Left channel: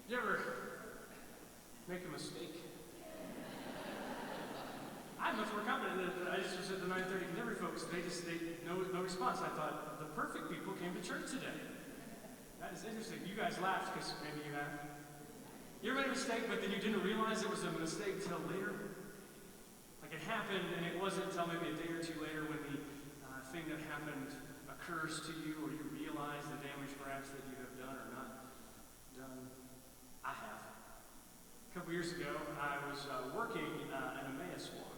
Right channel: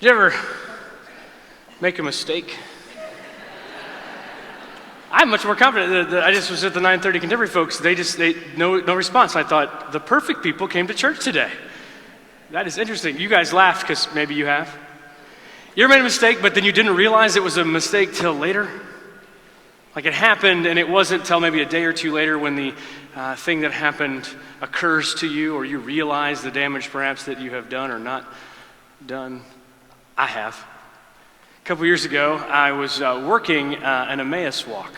Did you ever make a mistake? I'm much more confident. I just was at the 9:30 Contemporary folks. They no response. I thought, the perfect people came to church today. That is interesting. You guys laughed because maybe you have. You ever made a mistake, but then you didn't realize it was a mistake till later? Like it happened, and it wasn't till maybe a day or two later when the thing that happened occurs to you, or you realize the damage perhaps that you have done or not done. I have. A couple years ago, I was working an Emmaus walk.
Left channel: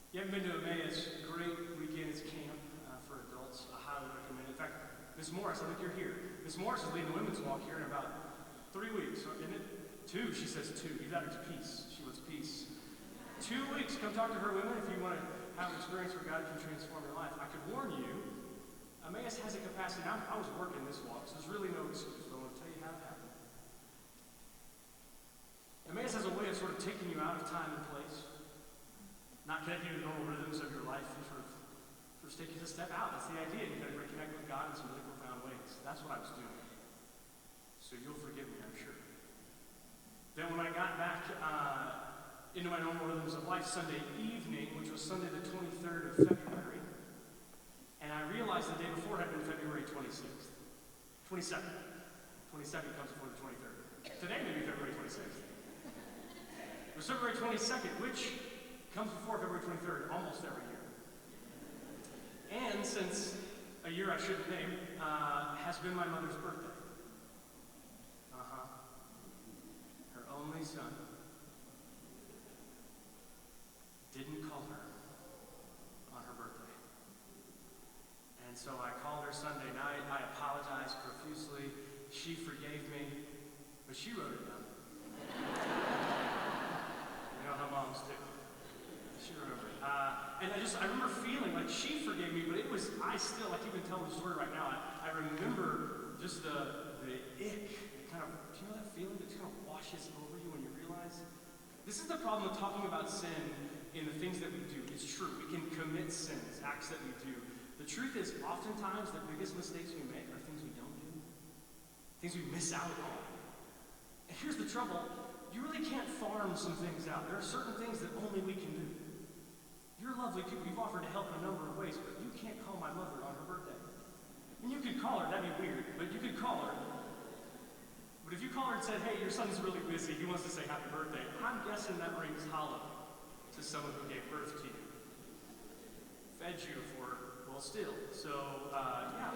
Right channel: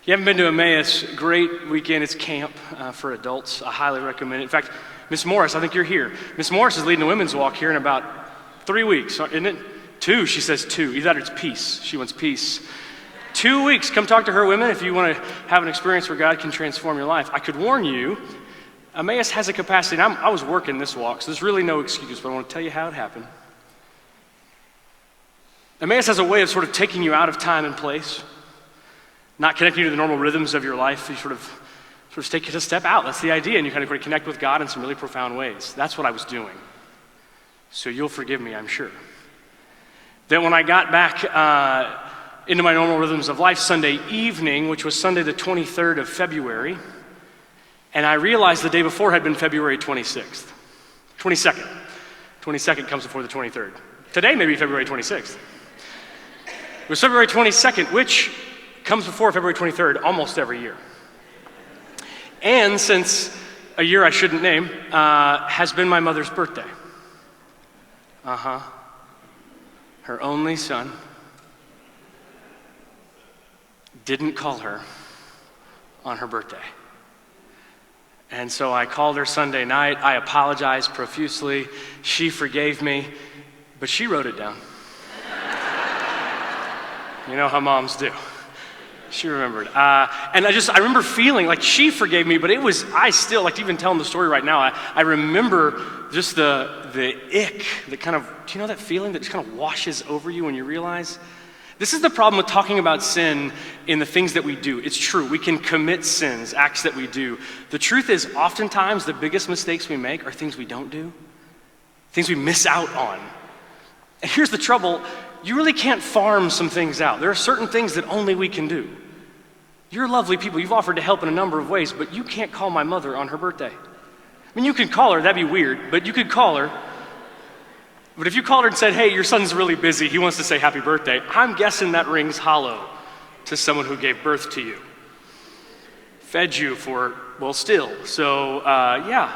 If you haven't been to Emmaus, great weekend. It's camp for adults. I highly recommend it. In fact, Miss Morris, I think you're here. Miss Morris is leading a women's walk here in about 3 weeks, isn't it? 2, she says 2. Either that or it's peace. She wants peace. 2 weeks. Come talk to her women if you want to have an experience where God can transform your life. I could warn you, Emmaus has a capacity, and I was working this walk, so there's really no excuse, but I want to tell you how it happened. Emmaus has a way of sort of taking you out of time and place, not connecting you to the normal rhythms of your life. You sort of take it a step out. That's the idea, and you kind of connect with God in some really profound ways. That's what I was doing. So you'll forgive me, I'm sure. Then when I got back into my normal rhythms of life Sunday evening, which was Sunday the 23rd of February, and I realized the day before had been February 22nd. 22nd comes before the 23rd. Today may be February 26th. It was February 22nd, which comes before February 23rd almost every year. And since a year I shouldn't name, has been my mother's birthday. Her only son didn't call her on her birthday. And so I called her Sunday night. I apologized profusely. She forgave me, but she wrote it down. You know how moms do. She remembered. And I remember feeling like she forgave me, but I still, like even telling the story right now, I remember just the ick, the kind of, do you know that feeling that just kind of washes over you when you realize? This is the problem with talking about sin in the things that we do. It's true, we can commit sins, acts that we do. The truth is, oftentimes the biggest mistakes we make are things we don't do, things we miss out on. And here's the trouble, you really can't farm some things out. There are certain things that only we can do. You're lovely people, you've offered to help in a number of ways, but you can't call my mother on her birthday. I mean, you could call her, that'd be weird, but you could call her. But if you called her and said, hey, your son's really busy, he wants to say happy birthday, I'm guessing that rings hollow to someone who gave birth to you. Fed you for, still. So, yeah.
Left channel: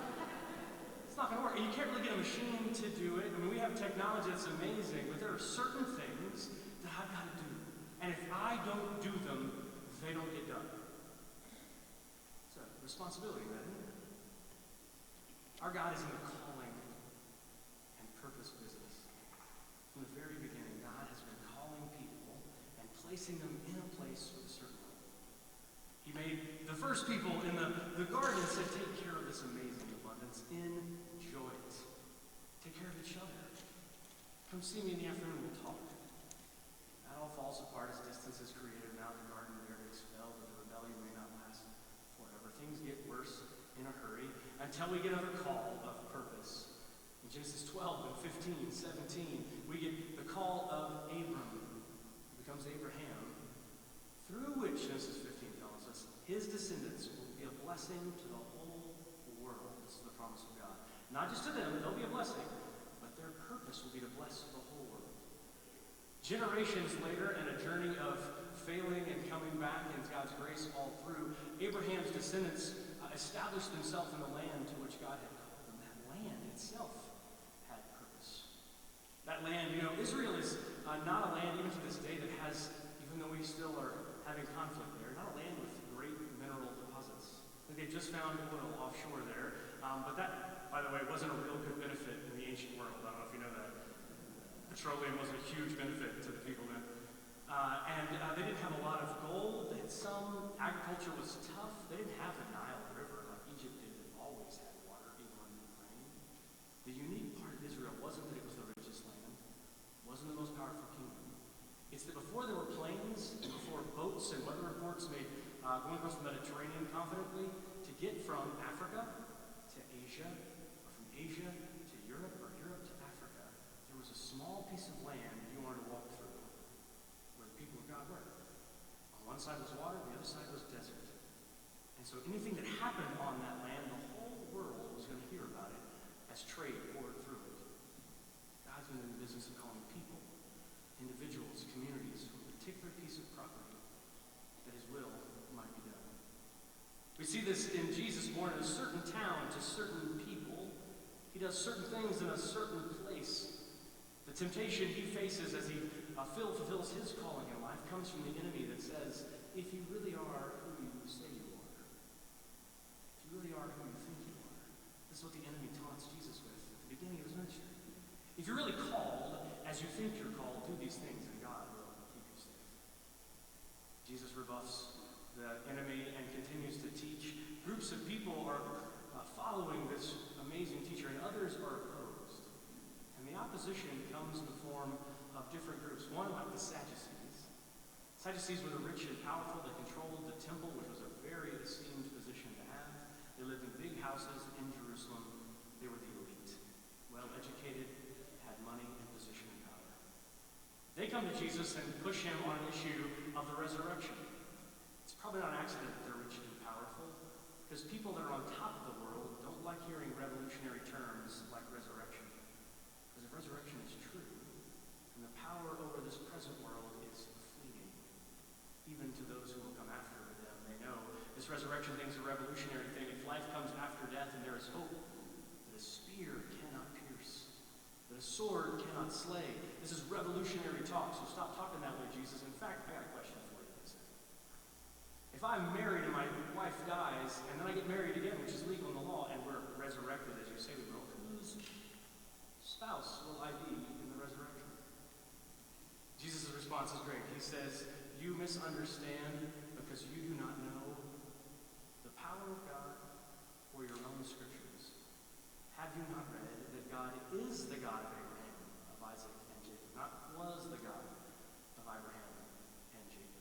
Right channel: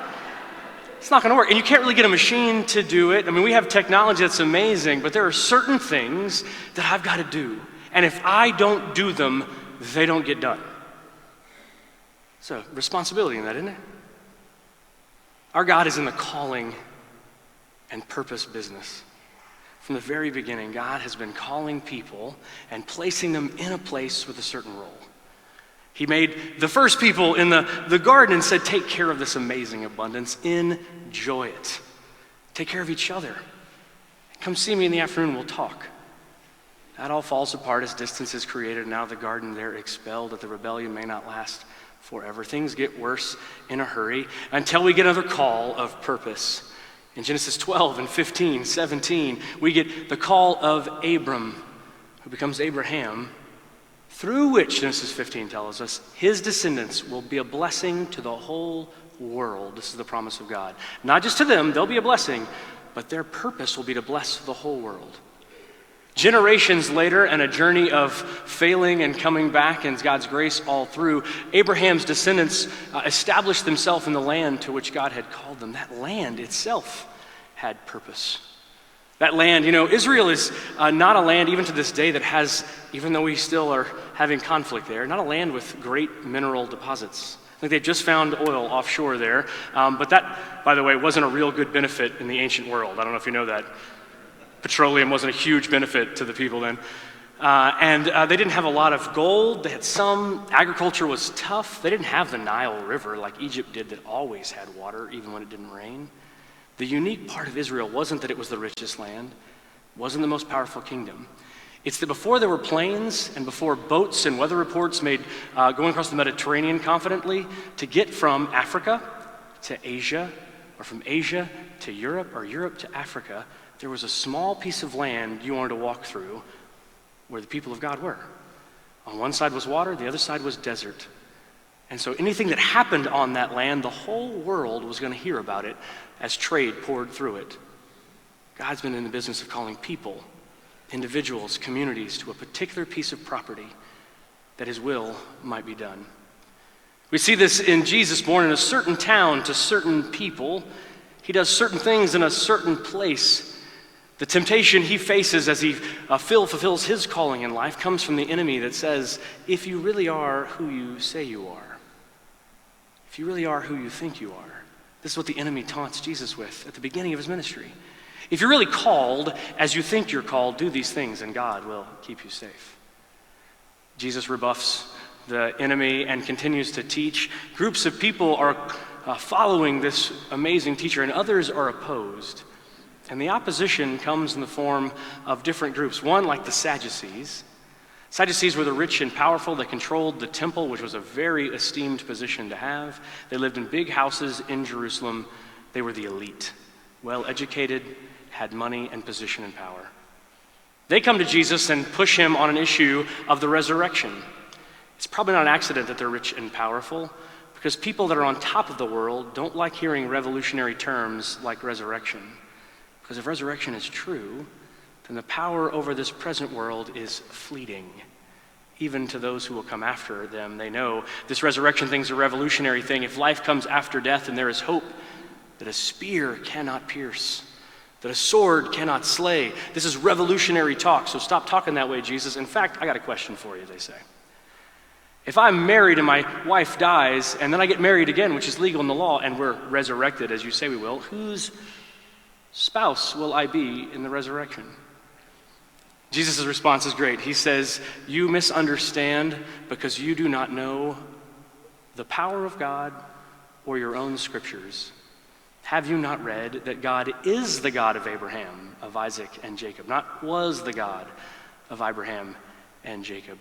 It's not going to work. And you can't really get a machine to do it. I mean, we have technology that's amazing, but there are certain things that I've got to do. And if I don't do them, they don't get done. It's a responsibility in that, isn't it? Our God is in the calling and purpose business. From the very beginning, God has been calling people and placing them in a place with a certain role. He made the first people in the garden and said, take care of this amazing abundance. Enjoy it. Take care of each other. Come see me in the afternoon, we'll talk. That all falls apart as distance is created. Now the garden they're expelled, that the rebellion may not last forever. Things get worse in a hurry until we get another call of purpose. In Genesis 12 and 15, 17, we get the call of Abram, who becomes Abraham, through which, Genesis 15 tells us, his descendants will be a blessing to the whole world. This is the promise of God. Not just to them, they'll be a blessing, but their purpose will be to bless the whole world. Generations later, and a journey of failing and coming back and God's grace all through, Abraham's descendants established themselves in the land to which God had called them. That land itself had purpose. That land, Israel is not a land even to this day that has, even though we still are having conflict there, not a land with great mineral deposits. I think they just found oil offshore there, but that, by the way, wasn't a real good benefit in the ancient world. I don't know if you know that. Petroleum wasn't a huge benefit to the people then. And they didn't have a lot of gold. They had some. Agriculture was tough. They didn't have the Nile River like Egypt did that always had water even when it didn't rain. The unique part of Israel wasn't that it was the richest land, wasn't the most powerful kingdom. It's that before there were planes and before boats and weather reports made going across the Mediterranean confidently, to get from Africa to Asia, or from Asia to Europe, or Europe to Africa, there was a small piece of land you wanted to walk through where the people of God were. On one side was water, the other side was desert. And so anything that happened on that land, the whole world was going to hear about it as trade poured through it. God's been in the business of calling people, individuals, communities to a particular piece of property that his will might be done. We see this in Jesus, born in a certain town to certain people. He does certain things in a certain place. The temptation he faces as he fulfills his calling in life comes from the enemy that says, if you really are who you say you are, if you really are who you think you are, this is what the enemy taunts Jesus with at the beginning of his ministry. If you're really called as you think you're called, do these things and God will keep you safe. Jesus rebuffs the enemy and continues to teach. Groups of people are following this amazing teacher, and others are opposed. And the opposition comes in the form of different groups. One, like the Sadducees. Sadducees were the rich and powerful. They controlled the temple, which was a very esteemed position to have. They lived in big houses in Jerusalem. They were the elite, well-educated, had money and position and power. They come to Jesus and push him on an issue of the resurrection. It's probably not an accident that they're rich and powerful, because people that are on top of the world don't like hearing revolutionary terms like resurrection. Because if resurrection is true, then the power over this present world is fleeting. Even to those who will come after them, they know this resurrection thing is a revolutionary thing. If life comes after death, and there is hope that a spear cannot pierce, that a sword cannot slay. This is revolutionary talk, so stop talking that way, Jesus. In fact, I got a question for you, they say. If I'm married and my wife dies, and then I get married again, which is legal in the law, and we're resurrected, as you say we will, whose spouse will I be in the resurrection? Jesus' response is great. He says, you misunderstand because you do not know the power of God or your own scriptures. Have you not read that God is the God of Abraham, of Isaac, and Jacob, not was the God of Abraham and Jacob?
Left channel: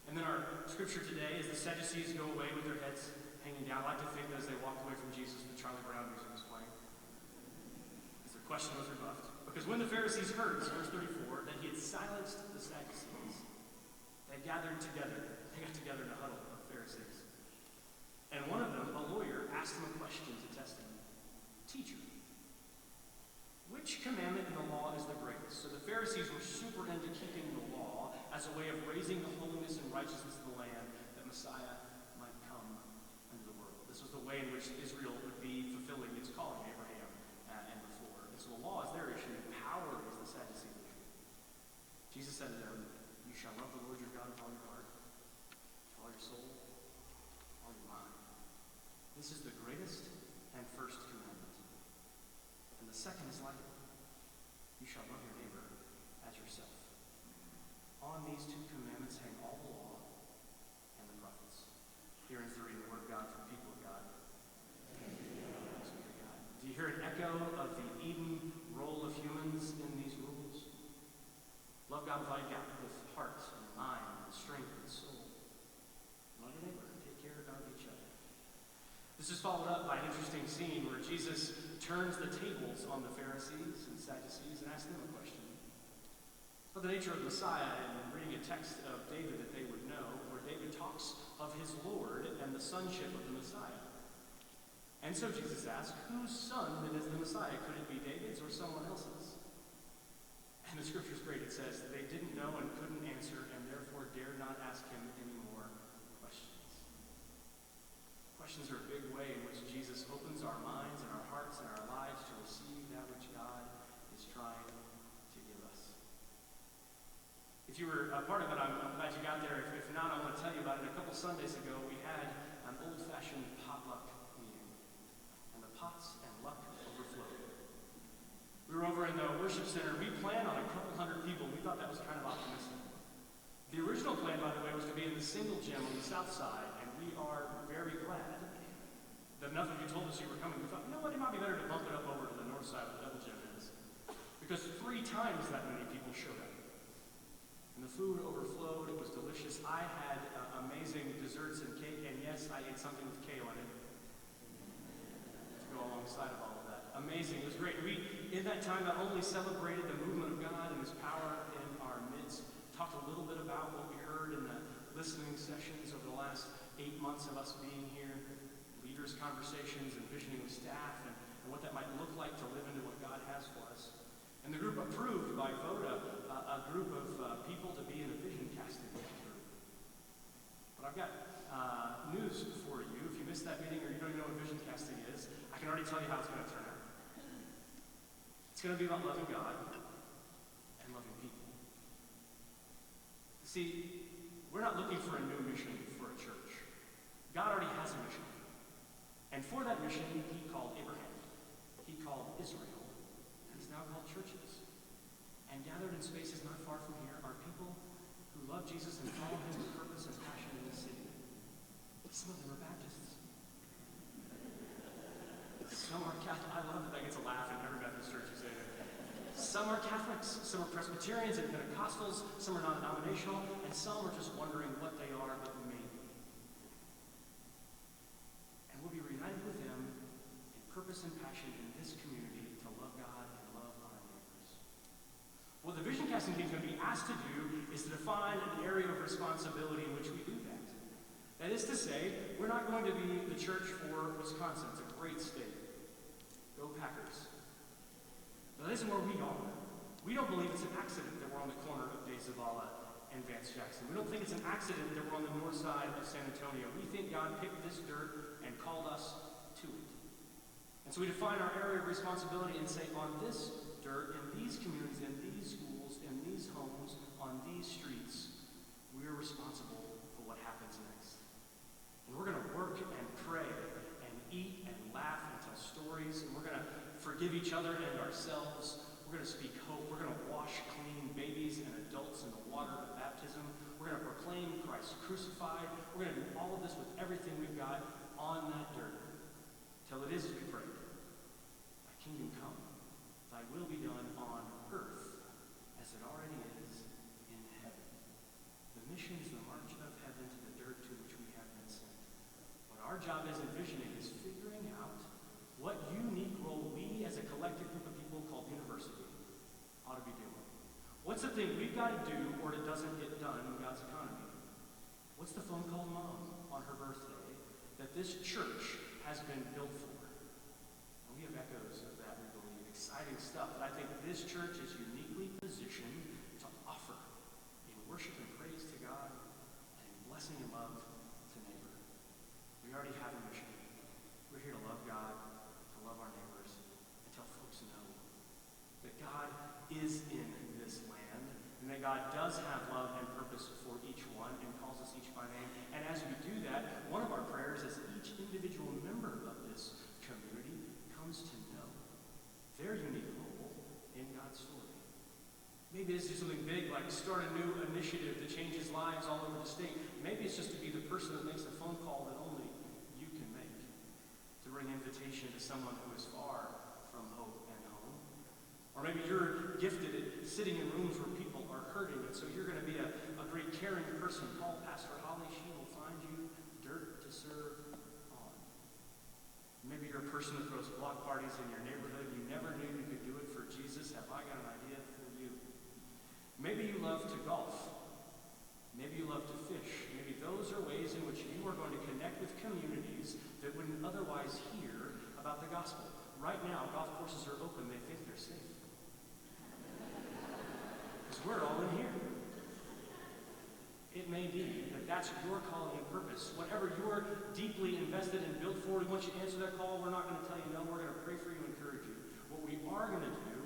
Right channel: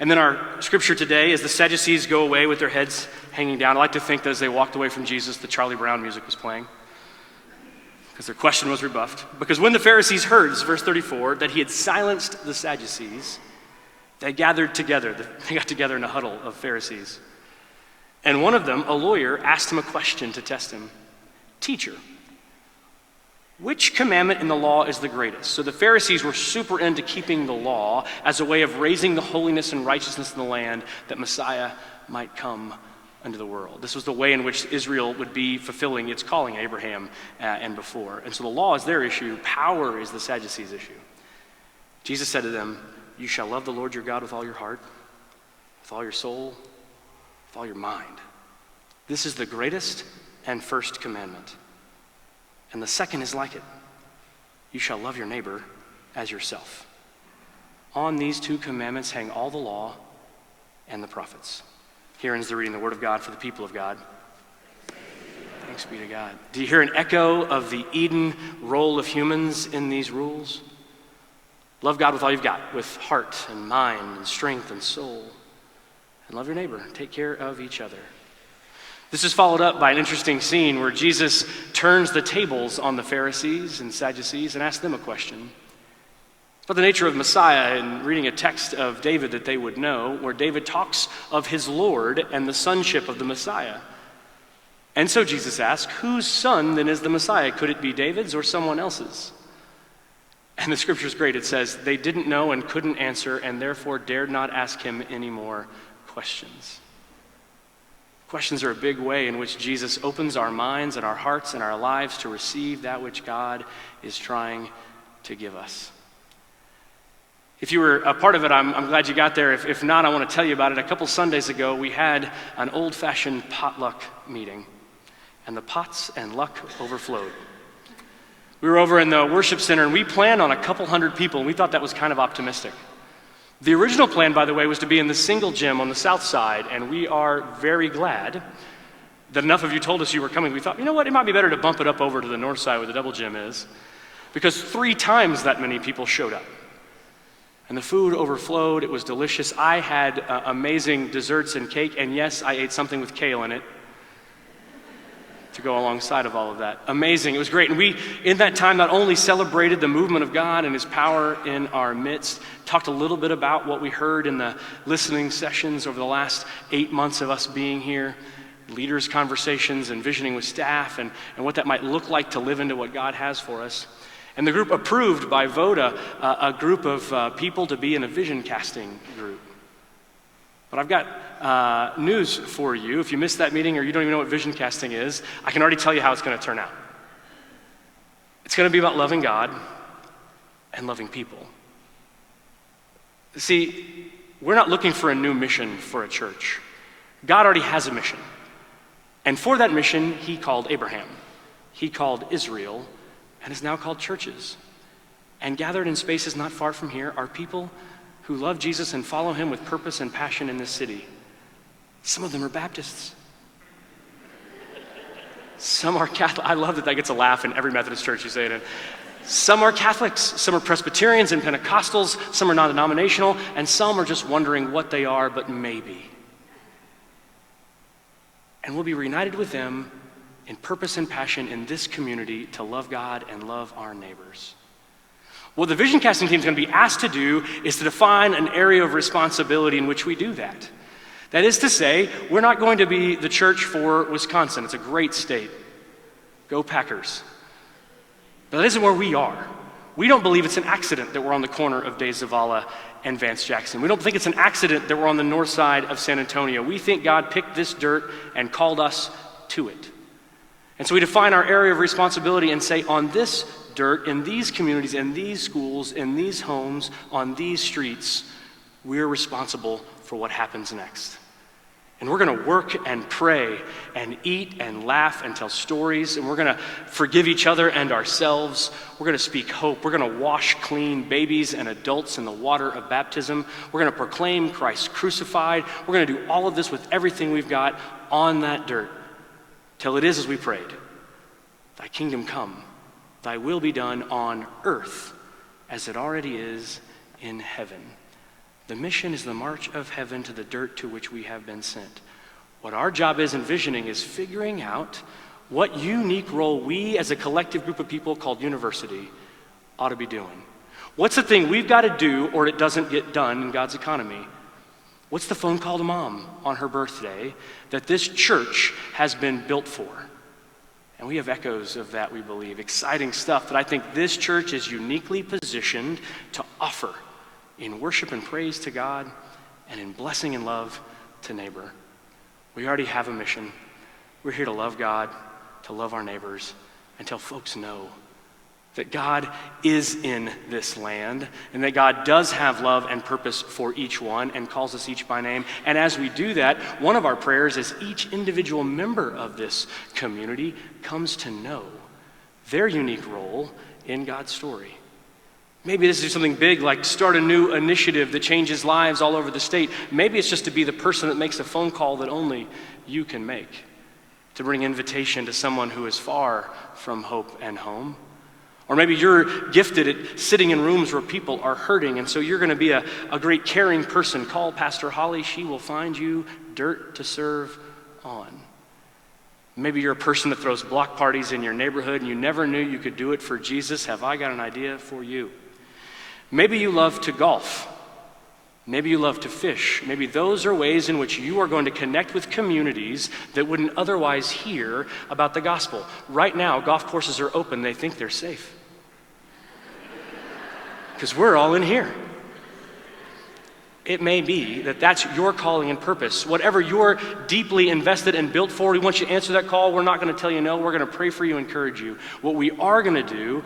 And then our scripture today, as the Sadducees go away with their heads hanging down, I like to think that as they walked away from Jesus, the Charlie Brown music was playing, because their question was rebuffed. Because when the Pharisees heard, this is verse 34, that he had silenced the Sadducees, they gathered together. They got together in a huddle of Pharisees. And one of them, a lawyer, asked him a question to test him. Teacher, which commandment in the law is the greatest? So the Pharisees were super into keeping the law as a way of raising the holiness and righteousness in the land that Messiah might come into the world. This was the way in which Israel would be fulfilling its calling, Abraham and before. And so the law is their issue. Power is the Sadducees' issue. Jesus said to them, you shall love the Lord your God with all your heart, with all your soul, with all your mind. This is the greatest and first commandment. And the second is like it. You shall love your neighbor as yourself. On these two commandments hang all the law and the prophets. Here ends the reading of the word of God for the people of God. Thanks be to God. Do you hear an echo of the Eden role of humans in these rules? Love God with all you've got, with heart and mind and strength and soul. And love your neighbor. Take care of each other. This is followed up by an interesting scene where Jesus turns the tables on the Pharisees and Sadducees and asks them a question. But the nature of Messiah, and reading a text of David that they would know, where David talks of his Lord and the sonship of the Messiah. And so Jesus asks, whose son then is the Messiah? Could it be David's or someone else's? And the scripture is great. It says, they didn't know and couldn't answer, and therefore dared not ask him any more questions. Questions are a big way in which Jesus opens our minds and our hearts and our lives to receive that which God is trying to give us. If you were a part of it, I'm glad you got there. If not, I want to tell you about it. A couple Sundays ago, we had an old-fashioned potluck meeting, and the pots and luck overflowed. We were over in the worship center, and we planned on a couple hundred people, and we thought that was kind of optimistic. The original plan, by the way, was to be in the single gym on the south side, and we are very glad that enough of you told us you were coming. We thought, you know what, it might be better to bump it up over to the north side where the double gym is, because 3 times that many people showed up. And the food overflowed. It was delicious. I had amazing desserts and cake, and yes, I ate something with kale in it. to go alongside of all of that. Amazing. It was great. And we, in that time, not only celebrated the movement of God and his power in our midst, talked a little bit about what we heard in the listening sessions over the last 8 months of us being here, leaders' conversations and visioning with staff and what that might look like to live into what God has for us. And the group approved by vote a group of people to be in a vision casting group. But I've got news for you. If you missed that meeting or you don't even know what vision casting is, I can already tell you how it's going to turn out. It's going to be about loving God and loving people. See, we're not looking for a new mission for a church. God already has a mission. And for that mission, he called Abraham. He called Israel, and is now called churches. And gathered in spaces not far from here are people who love Jesus and follow him with purpose and passion in this city. Some of them are Baptists. Some are Catholic. I love that gets a laugh in every Methodist church you say it in. Some are Catholics, some are Presbyterians and Pentecostals, some are non-denominational, and some are just wondering what they are, but maybe. And we'll be reunited with them in purpose and passion in this community to love God and love our neighbors. What the vision casting team is going to be asked to do is to define an area of responsibility in which we do that. That is to say, we're not going to be the church for Wisconsin. It's a great state. Go Packers. But that isn't where we are. We don't believe it's an accident that we're on the corner of Zavala and Vance Jackson. We don't think it's an accident that we're on the north side of San Antonio. We think God picked this dirt and called us to it. And so we define our area of responsibility and say, on this dirt, in these communities, in these schools, in these homes, on these streets, we're responsible for what happens next. And we're going to work and pray and eat and laugh and tell stories, and we're going to forgive each other and ourselves. We're going to speak hope. We're going to wash clean babies and adults in the water of baptism. We're going to proclaim Christ crucified. We're going to do all of this with everything we've got on that dirt till it is as we prayed. Thy kingdom come, thy will be done on earth as it already is in heaven. The mission is the march of heaven to the dirt to which we have been sent. What our job is in visioning is figuring out what unique role we as a collective group of people called university ought to be doing. What's the thing we've got to do or it doesn't get done in God's economy? What's the phone call to mom on her birthday that this church has been built for? And we have echoes of that, we believe. Exciting stuff that I think this church is uniquely positioned to offer in worship and praise to God, and in blessing and love to neighbor. We already have a mission. We're here to love God, to love our neighbors, and tell folks know that God is in this land, and that God does have love and purpose for each one, and calls us each by name. And as we do that, one of our prayers is each individual member of this community comes to know their unique role in God's story. Maybe this is something big like start a new initiative that changes lives all over the state. Maybe it's just to be the person that makes a phone call that only you can make, to bring invitation to someone who is far from hope and home. Or maybe you're gifted at sitting in rooms where people are hurting, and so you're going to be a great caring person. Call Pastor Holly. She will find you dirt to serve on. Maybe you're a person that throws block parties in your neighborhood and you never knew you could do it for Jesus. Have I got an idea for you? Maybe you love to golf. Maybe you love to fish. Maybe those are ways in which you are going to connect with communities that wouldn't otherwise hear about the gospel. Right now, golf courses are open. They think they're safe. Because we're all in here. It may be that that's your calling and purpose. Whatever you're deeply invested and built for, we want you to answer that call. We're not going to tell you no. We're going to pray for you, encourage you. What we are going to do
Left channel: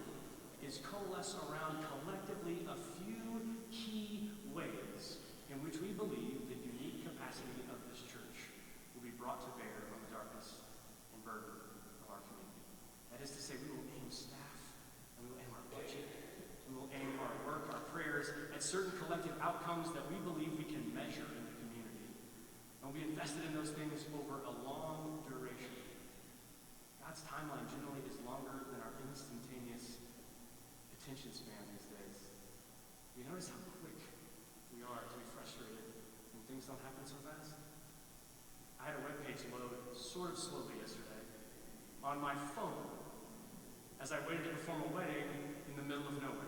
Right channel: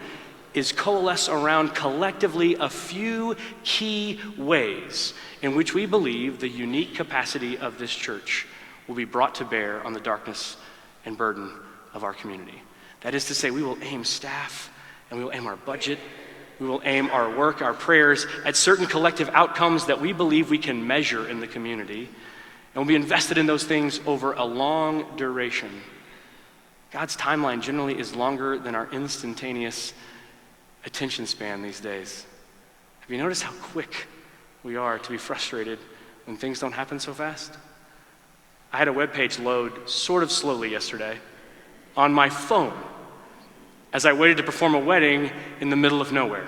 is coalesce around collectively a few key ways in which we believe the unique capacity of this church will be brought to bear on the darkness and burden of our community. That is to say, we will aim staff and we will aim our budget. We will aim our work, our prayers at certain collective outcomes that we believe we can measure in the community. And we'll be invested in those things over a long duration. God's timeline generally is longer than our instantaneous attention span these days. Have you noticed how quick we are to be frustrated when things don't happen so fast? I had a web page load sort of slowly yesterday. on my phone as I waited to perform a wedding in the middle of nowhere.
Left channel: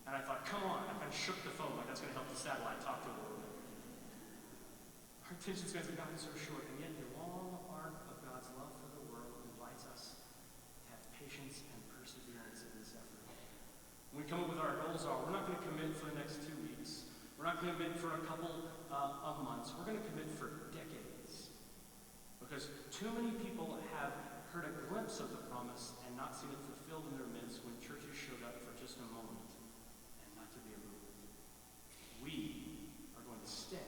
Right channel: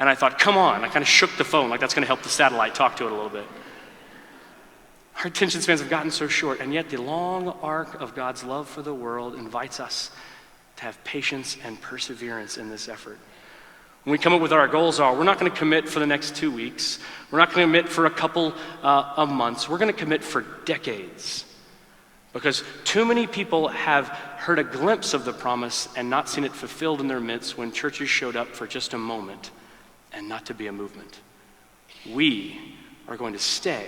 And I thought, come on. I kind of shook the phone like that's going to help the satellite talk to it a little bit. Our attention spans have gotten so short, and yet the long arc of God's love for the world invites us to have patience and perseverance in this effort. When we come up with what our goals are, we're not going to commit for the next 2 weeks. We're not going to commit for a couple of months. We're going to commit for decades. Because too many people have heard a glimpse of the promise and not seen it fulfilled in their midst when churches showed up for just a moment and not to be a movement. We are going to stay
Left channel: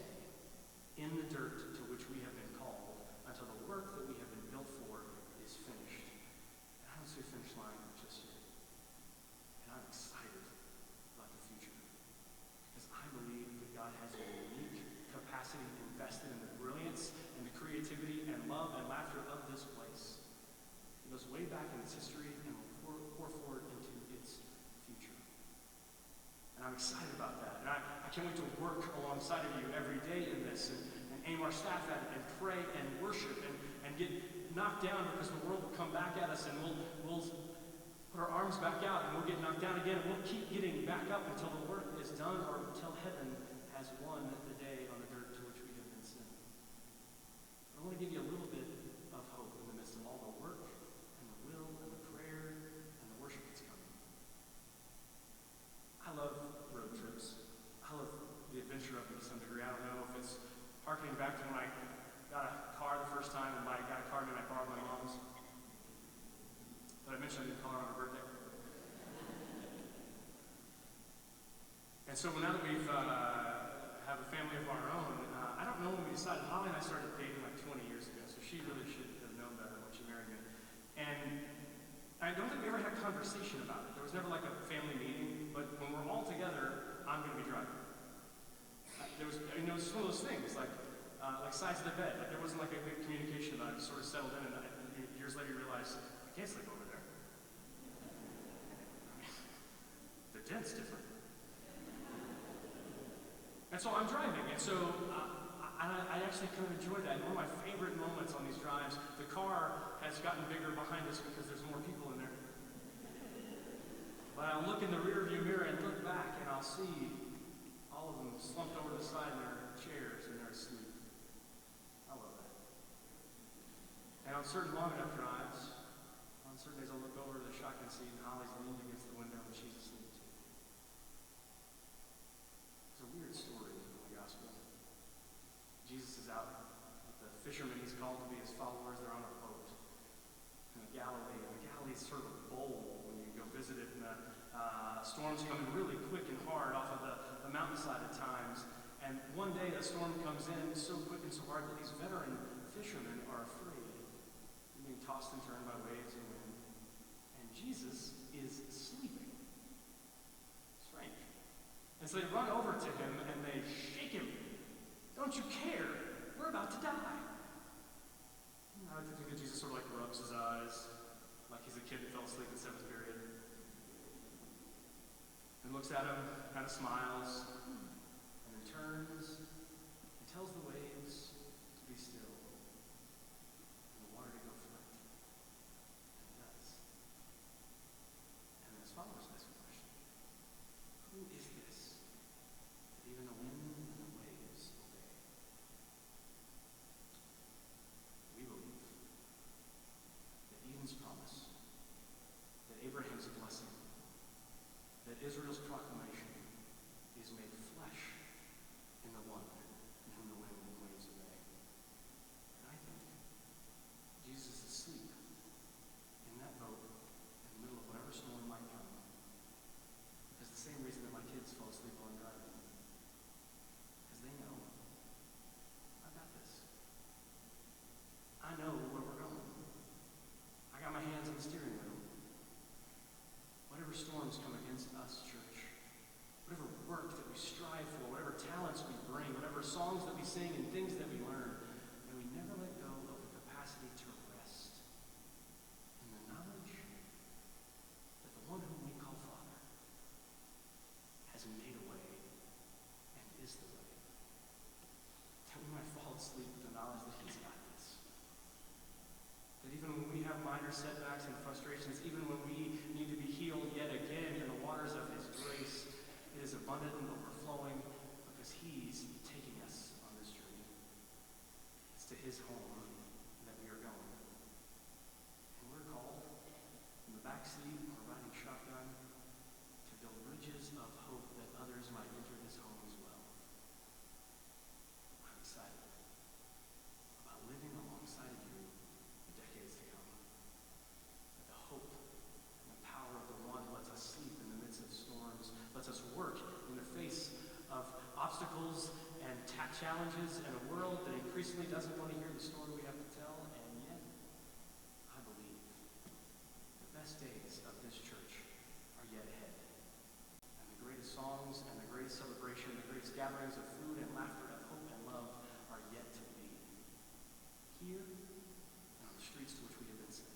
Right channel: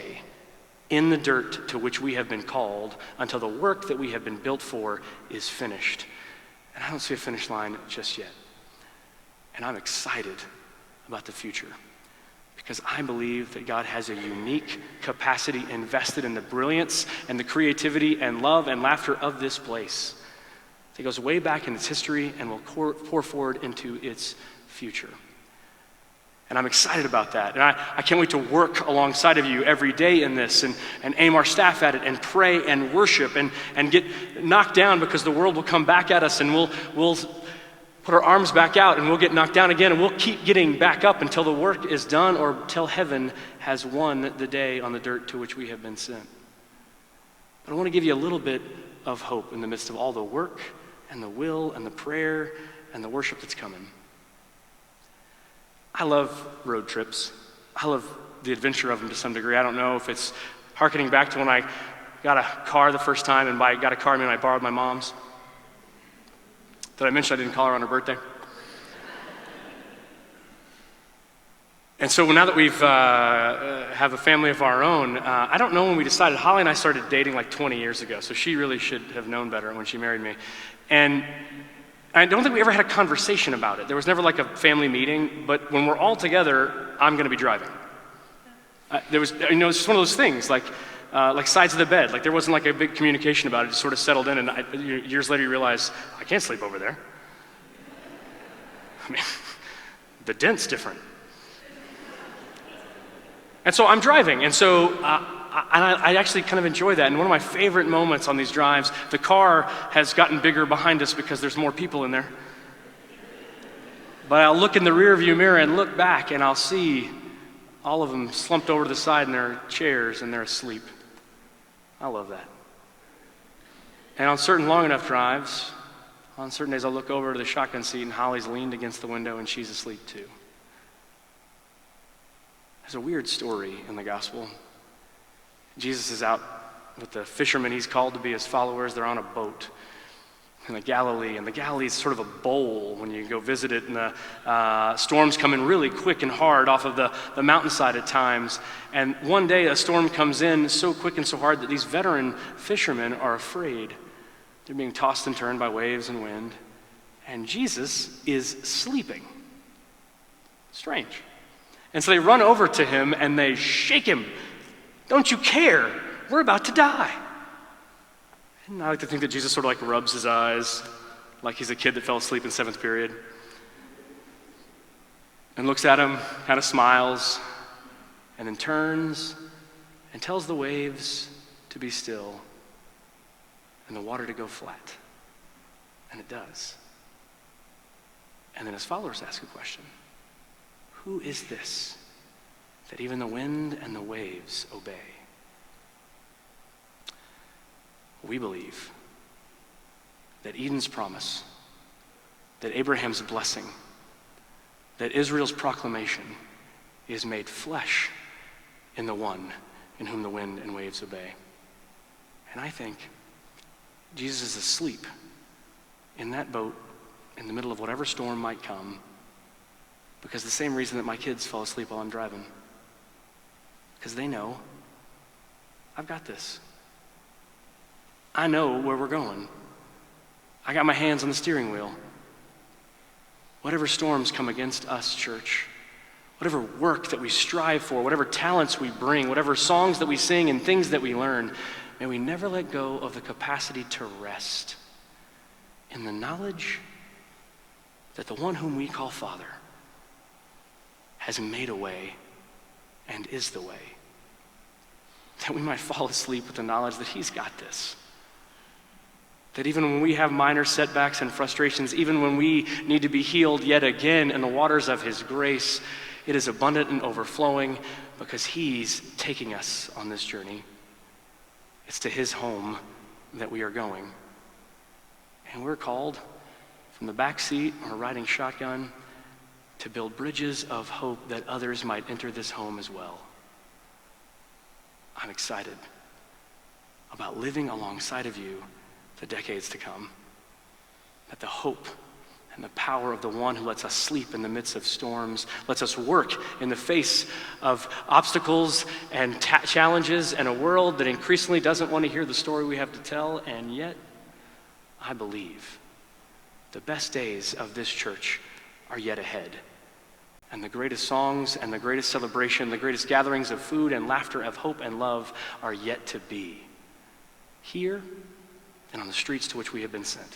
in the dirt to which we have been called until the work that we have been built for is finished. And I don't see a finish line just yet. And I'm excited about the future because I believe that God has a unique capacity invested in the brilliance and the creativity and love and laughter of this place. It goes way back in its history and will pour forward into its future. And I'm excited about that. And I can't wait to work alongside of you every day in this and aim our staff at it and pray and worship and get knocked down because the world will come back at us and we'll put our arms back out and we'll get knocked down again and we'll keep getting back up until the work is done or till heaven has won the day on the dirt to which we have been sent. But I want to give you a little bit of hope in the midst of all the work and the will and the prayer and the worship that's coming. I love road trips. I love the adventure of them to some degree. I don't know if it's hearkening back to when I got a car the first time, and by got a car, I mean I borrowed my mom's. Did I mention I didn't call her on her birthday? And so now that we've have a family of our own, I don't know when we decided. Holly and I started dating like 20 years ago, so she really should have known better when she married me. And I don't think we ever had a conversation about it. There was never like a family meeting, but when we're all together, I'm going to be driving. It's just one of those things, like sides of the bed. Like there wasn't like a big communication about it. It just sort of settled in, and years later you realize, I can't sleep over there. I mean, the dent's different. And so I'm driving, and so I actually kind of enjoy that. And one of my favorite moments on these drives, the car has gotten bigger behind us because there's more people in there. But I'll look in the rearview mirror and look back, and I'll see all of them slumped over to the side in their chairs, and they're asleep. I love that. And on certain long enough drives, on certain days I'll look over to the shotgun seat, and Holly's leaned against the window, and she's asleep too. There's a weird story in the gospel. Jesus is out with the fishermen he's called to be his followers. They're on a boat in the Galilee, and the Galilee is sort of a bowl when you go visit it, and the storms come in really quick and hard off of the mountainside at times. And one day a storm comes in so quick and so hard that these veteran fishermen are afraid. They're being tossed and turned by waves and wind, and Jesus is sleeping. Strange. And so they run over to him and they shake him. Don't you care? We're about to die. And I like to think that Jesus sort of like rubs his eyes like he's a kid that fell asleep in seventh period and looks at him, kind of smiles, and then turns and tells the waves to be still and the water to go flat. And it does. And then his followers ask a question. Who is this that even the wind and the waves obey? We believe that Eden's promise, that Abraham's blessing, that Israel's proclamation is made flesh in the one in whom the wind and waves obey. And I think Jesus is asleep in that boat in the middle of whatever storm might come, because the same reason that my kids fall asleep while I'm driving. Because they know, I've got this. I know where we're going. I got my hands on the steering wheel. Whatever storms come against us, church, whatever work that we strive for, whatever talents we bring, whatever songs that we sing and things that we learn, may we never let go of the capacity to rest in the knowledge that the one whom we call Father has made a way and is the way. That we might fall asleep with the knowledge that he's got this. That even when we have minor setbacks and frustrations, even when we need to be healed yet again in the waters of his grace, it is abundant and overflowing because he's taking us on this journey. It's to his home that we are going. And we're called from the back seat or riding shotgun to build bridges of hope that others might enter this home as well. I'm excited about living alongside of you the decades to come. That the hope and the power of the one who lets us sleep in the midst of storms, lets us work in the face of obstacles and challenges and a world that increasingly doesn't want to hear the story we have to tell, and yet I believe the best days of this church are yet ahead. And the greatest songs and the greatest celebration, the greatest gatherings of food and laughter, of hope and love are yet to be. Here and on the streets to which we have been sent.